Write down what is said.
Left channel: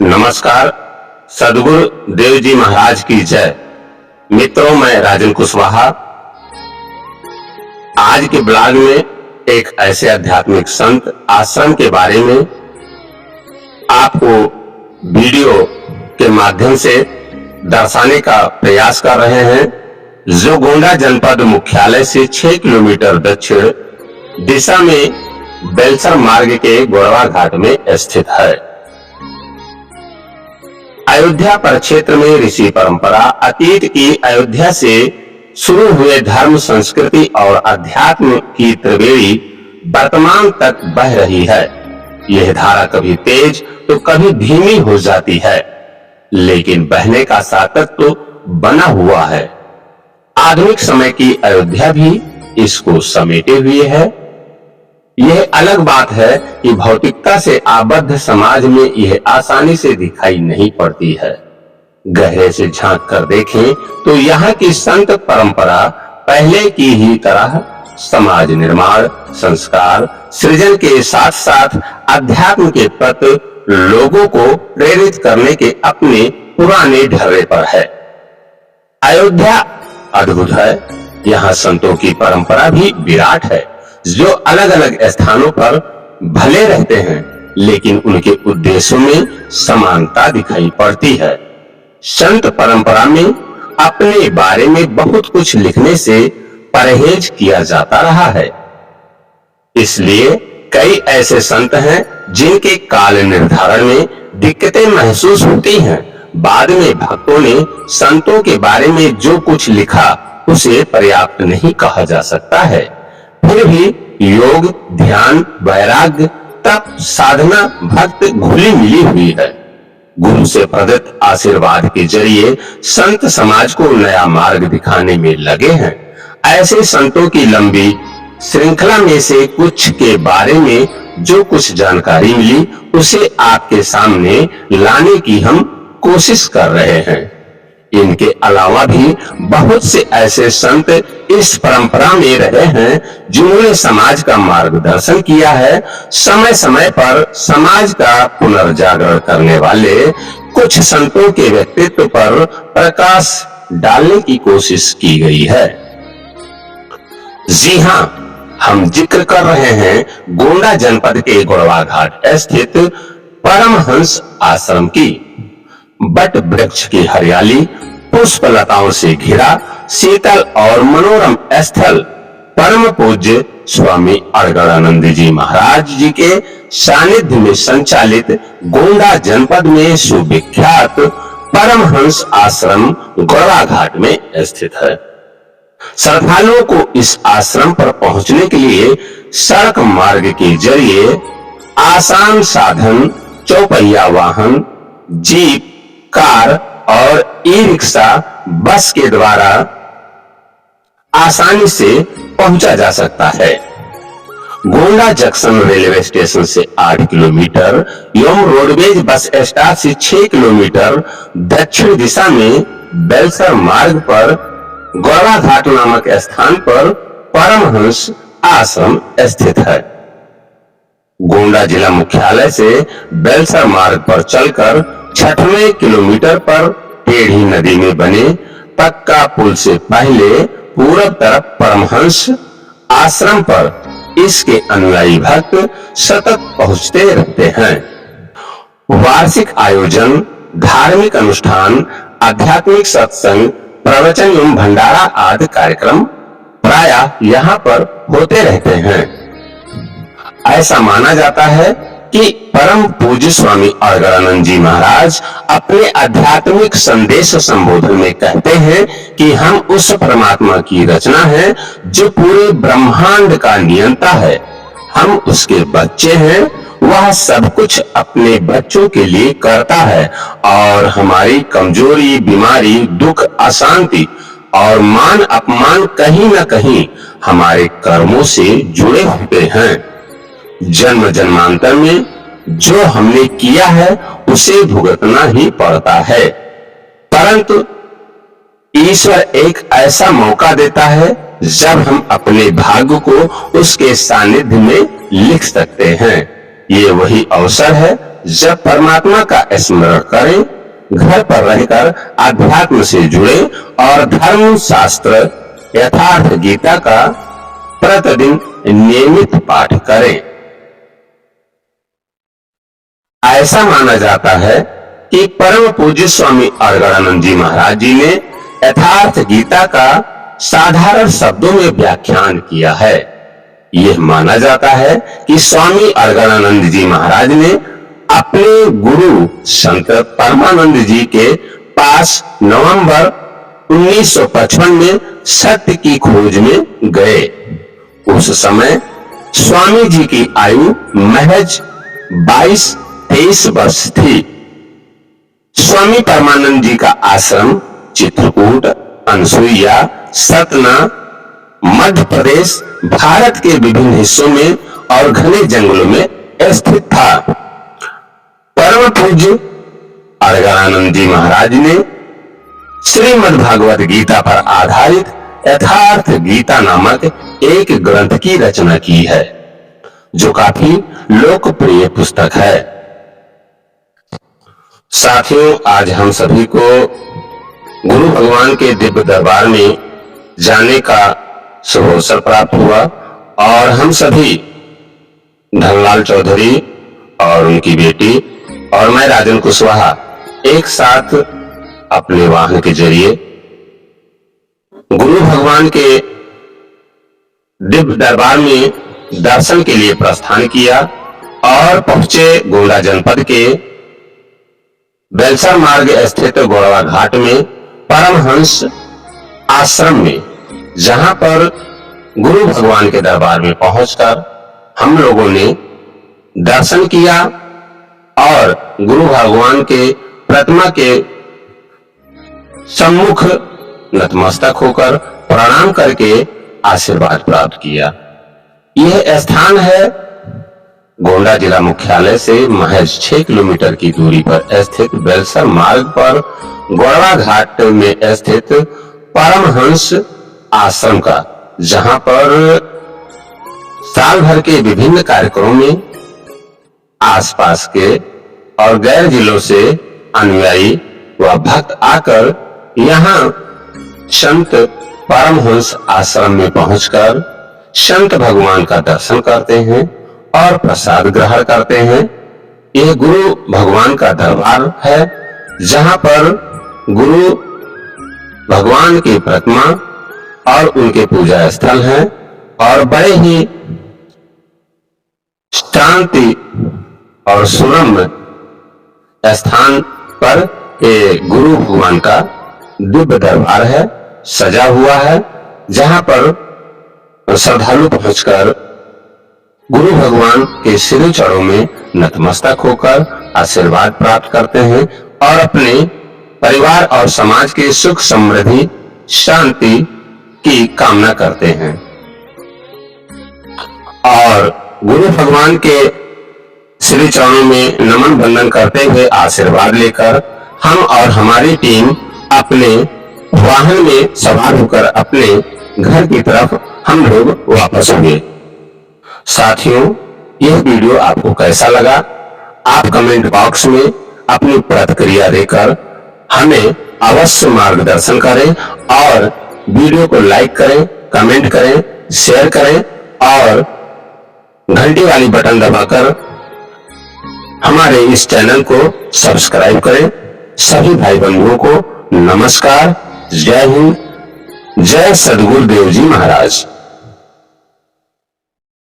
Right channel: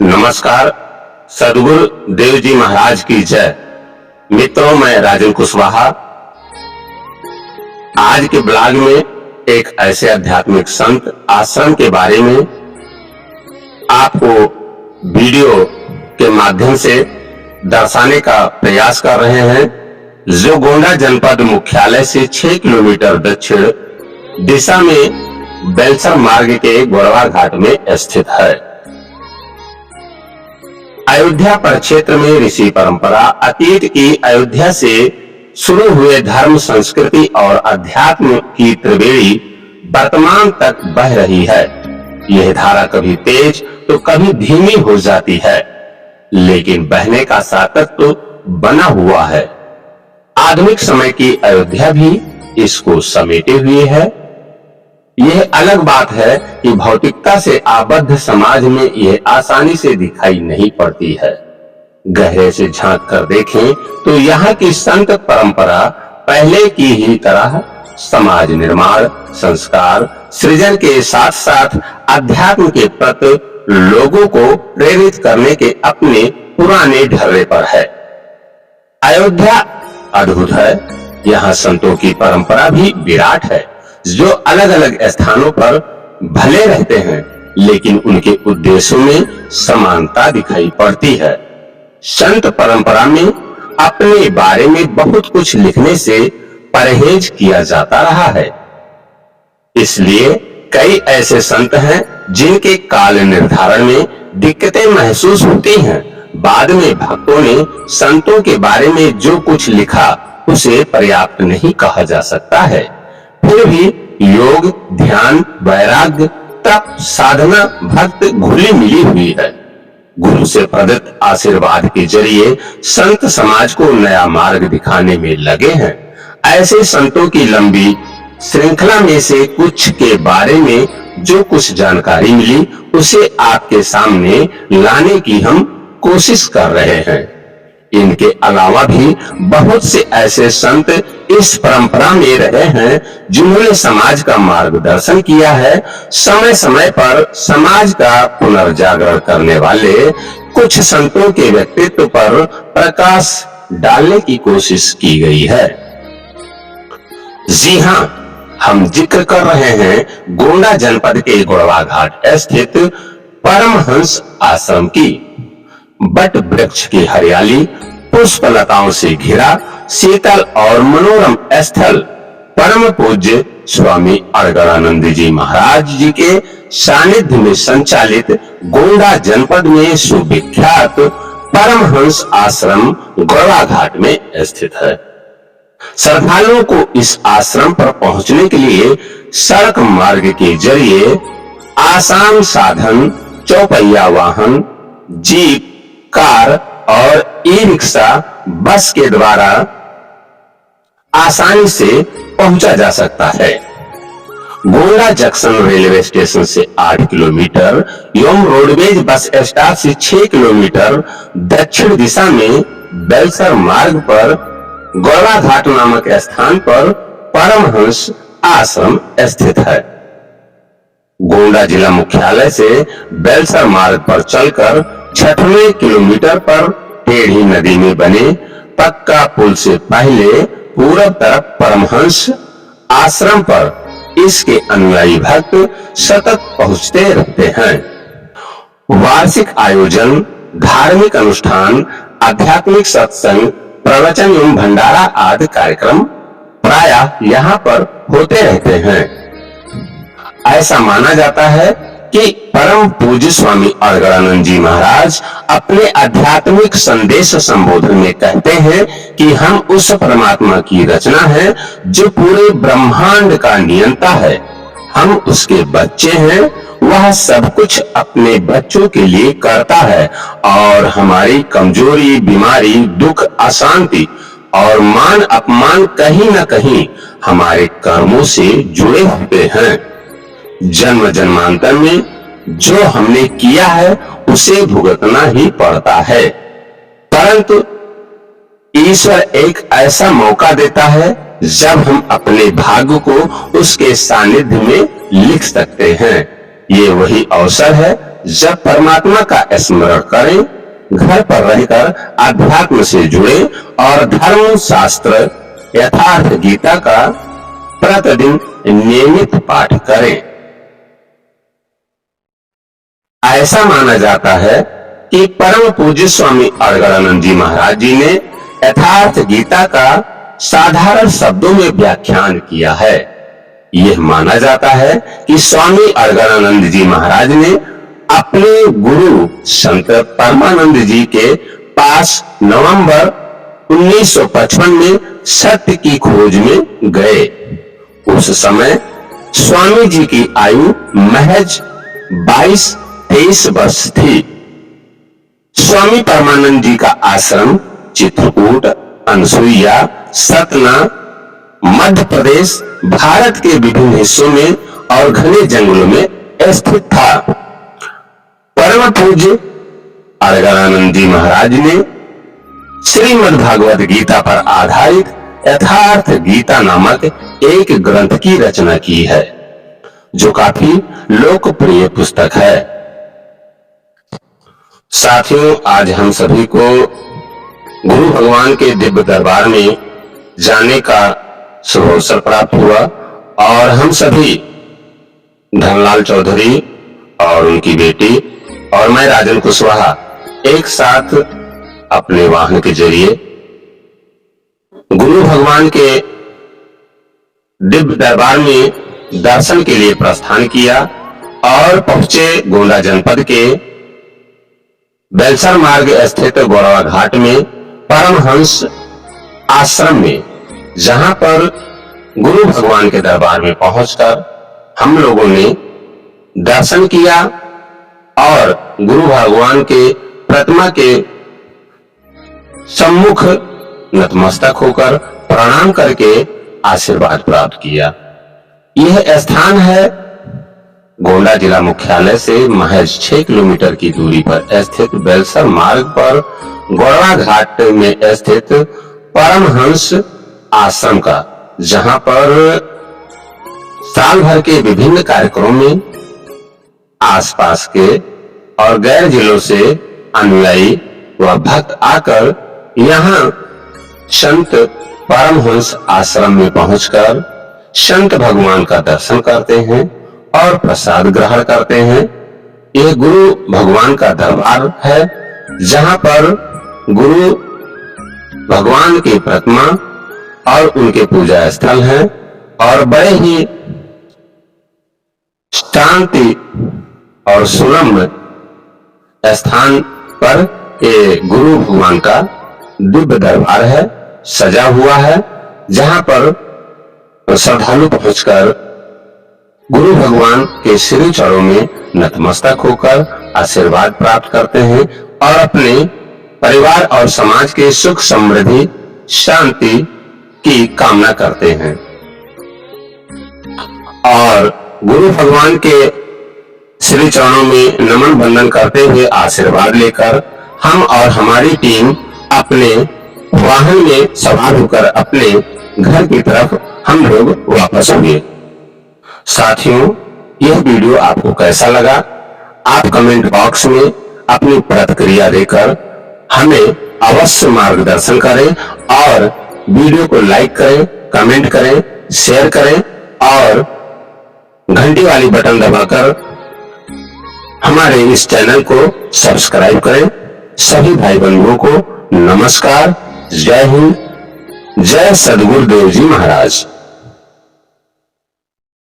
नमस्कार। सदगुरु देव जी महाराज की जय। मित्रों, मैं राजन कुशवाहा आज के ब्लॉग में एक ऐसे आध्यात्मिक संत आश्रम के बारे में आपको वीडियो के माध्यम से दर्शाने का प्रयास कर रहे हैं, जो गोंडा जनपद मुख्यालय से 6 किलोमीटर दक्षिण दिशा में बेलसर मार्ग के गोड़वा घाट में स्थित है। अयोध्या परिक्षेत्र में ऋषि परंपरा अतीत की अयोध्या से शुरू हुए धर्म, संस्कृति और अध्यात्म की त्रिवेणी वर्तमान तक बह रही है। यह धारा कभी तेज तो कभी धीमी हो जाती है, लेकिन बहने का सातत्य बना हुआ है। आधुनिक समय की अयोध्या भी इसको समेटे हुए है। यह अलग बात है कि भौतिकता से आबद्ध समाज में यह आसानी से दिखाई नहीं पड़ती है। गहरे से झांक कर देखें तो यहाँ की संत परंपरा पहले की ही तरह समाज निर्माण, संस्कार, सृजन के साथ साथ अध्यात्म के प्रति लोगों को प्रेरित करने के अपने पुराने ढर्रे पर है। अयोध्या अद्भुत है। यहाँ संतों की परंपरा भी विराट है, जो अलग अलग स्थानों पर भले रहते हैं, लेकिन उनके उद्देश्यों में समानता दिखाई पड़ती है। संत परंपरा में अपने बारे में बहुत कुछ लिखने से परहेज किया जाता रहा है। इसलिए कई ऐसे संत हैं जिनके काल निर्धारण में दिक्कतें महसूस होती हैं। बाद में भक्तों ने संतों के बारे में जो कुछ लिखा उसे पर्याप्त नहीं कहा जा सकता है। फिर भी योग, ध्यान, वैराग्य, तप, साधना, भक्त घुली मिली हुई है। गुरु से प्रदत्त आशीर्वाद के जरिए संत समाज को नया मार्ग दिखाने में लगे हैं। ऐसे संतों की लंबी श्रृंखला में से कुछ के बारे में जो कुछ जानकारी मिली उसे आपके सामने लाने की हम कोशिश कर रहे हैं। इनके अलावा भी बहुत से ऐसे संत इस परंपरा में रहे हैं जिन्होंने समाज का मार्गदर्शन किया है। समय समय पर समाज का पुनर्जागरण करने वाले कुछ संतों के व्यक्तित्व पर प्रकाश डालने की कोशिश की गई है। जी हां, हम जिक्र कर रहे हैं गोंडा जनपद के गोड़वा घाट स्थित परमहंस आश्रम की। बट वृक्ष की हरियाली, पुष्प लताओं से घिरा शीतल और मनोरम स्थल परम पूज्य स्वामी अड़गड़ानंद जी महाराज जी के सानिध्य में संचालित गोंडा जनपद में सुविख्यात परमहंस आश्रम गोड़वा घाट में स्थित है। श्रद्धालुओं को इस आश्रम पर पहुंचने के लिए सड़क मार्ग के जरिए आसान साधन, चौपहिया वाहन, जीप, कार और ई-रिक्शा, बस के द्वारा आसानी से पहुंचा जा सकता है। गोंडा जंक्शन रेलवे स्टेशन से 8 किलोमीटर एवं रोडवेज बस स्टॉप से 6 किलोमीटर दक्षिण दिशा में बेलसर मार्ग पर गोड़वा घाट नामक स्थान पर परमहंस आश्रम स्थित है। गोंडा जिला मुख्यालय से बेलसर मार्ग पर चलकर 6वें किलोमीटर पर टेढ़ी नदी में बने पक्का पुल से पहले पूर्व तरफ परमहंस आश्रम पर इसके अनुयायी भक्त सतत पहुंचते रहते हैं। वार्षिक आयोजन, धार्मिक अनुष्ठान, आध्यात्मिक सत्संग, प्रवचन एवं भंडारा आदि कार्यक्रम प्रायः यहाँ पर होते रहते हैं। ऐसा माना जाता है कि परम पूज्य स्वामी अड़गड़ानंद जी महाराज अपने आध्यात्मिक संदेश संबोधन में कहते हैं कि हम उस परमात्मा की रचना है जो पूरे ब्रह्मांड का नियंता है। हम उसके बच्चे हैं। वह सब कुछ अपने बच्चों के लिए करता है और हमारी कमजोरी, बीमारी, दुख, अशांति और मान अपमान कहीं न कहीं हमारे कर्मों से जुड़े होते हैं। जन्म जन्मांतर में जो हमने किया है उसे भुगतना ही पड़ता है, परंतु ईश्वर एक ऐसा मौका देता है जब हम अपने भाग्य को उसके सानिध्य में लिख सकते हैं। ये वही अवसर है जब परमात्मा का स्मरण करें, घर पर रहकर अध्यात्म से जुड़े और धर्म शास्त्र यथार्थ गीता का प्रतिदिन नियमित पाठ करें। ऐसा माना जाता है कि परम पूज्य स्वामी अड़गड़ानंद जी महाराज जी ने यथार्थ गीता का साधारण शब्दों में व्याख्यान किया है। यह माना जाता है कि स्वामी अड़गड़ानंद जी महाराज ने अपने गुरु संत परमानंद जी के पास नवंबर 1955 में सत्य की खोज में गए। उस समय स्वामी जी की आयु महज 22-23 वर्ष थी। स्वामी परमानंद जी का आश्रम चित्रकूट, अनसुईया, सतना, मध्य प्रदेश, भारत के विभिन्न हिस्सों में और घने जंगलों में स्थित था। परम पूज्य अड़गड़ानंद जी महाराज ने श्रीमद् भागवत गीता पर आधारित यथार्थ गीता नामक एक ग्रंथ की रचना की है, जो काफी लोकप्रिय पुस्तक है। साथियों, आज हम सभी को गुरु भगवान के दिव्य दरबार में जाने का शुभ अवसर प्राप्त हुआ और हम सभी धनलाल चौधरी और उनकी बेटी और मैं राजन कुशवाहा एक साथ अपने वाहन के जरिए गुरु भगवान के दिव्य दरबार में दर्शन के लिए प्रस्थान किया और पहुंचे गोंडा जनपद के बेलसर मार्ग स्थित गोड़वा घाट में परमहंस आश्रम में, जहां पर गुरु भगवान के दरबार में पहुंचकर हम लोगों ने दर्शन किया और गुरु भगवान के प्रतिमा के सम्मुख नतमस्तक होकर प्रणाम करके आशीर्वाद प्राप्त किया। यह स्थान है गोंडा जिला मुख्यालय से महज 6 किलोमीटर की दूरी पर स्थित बेलसर मार्ग पर गोड़वा घाट में स्थित परमहंस आश्रम का, जहां पर साल भर के विभिन्न कार्यक्रमों में आसपास के और गैर जिलों से अनुयायी व भक्त आकर यहां संत परमहंस आश्रम में पहुंचकर संत भगवान का दर्शन करते हैं और प्रसाद ग्रहण करते हैं। यह गुरु भगवान का दरबार है, जहां पर गुरु भगवान की प्रतिमा और उनके पूजा स्थल हैं और बड़े ही शांति और सुरम्य स्थान पर ये गुरु भगवान का दिव्य दरबार है, सजा हुआ है, जहां पर श्रद्धालु पहुंचकर गुरु भगवान के श्री चरणों में नतमस्तक होकर आशीर्वाद प्राप्त करते हैं और अपने परिवार और समाज के सुख समृद्धि शांति की कामना करते हैं। और गुरु भगवान के श्री चरणों में नमन बंदन करते हुए आशीर्वाद लेकर हम और हमारी टीम अपने वाहन में सवार होकर अपने घर की तरफ हम लोग वापस हुए। साथियों, यह वीडियो आपको कैसा लगा? आप कमेंट बॉक्स में अपनी प्रतिक्रिया देकर हमें अवश्य मार्गदर्शन करें और वीडियो को लाइक करें, कमेंट करें, शेयर करें और घंटी वाली बटन दबाकर हमारे इस चैनल को सब्सक्राइब करें। सभी भाई बंधुओं को नमस्कार, जय हिंद, जय सद्गुरुदेव जी महाराज।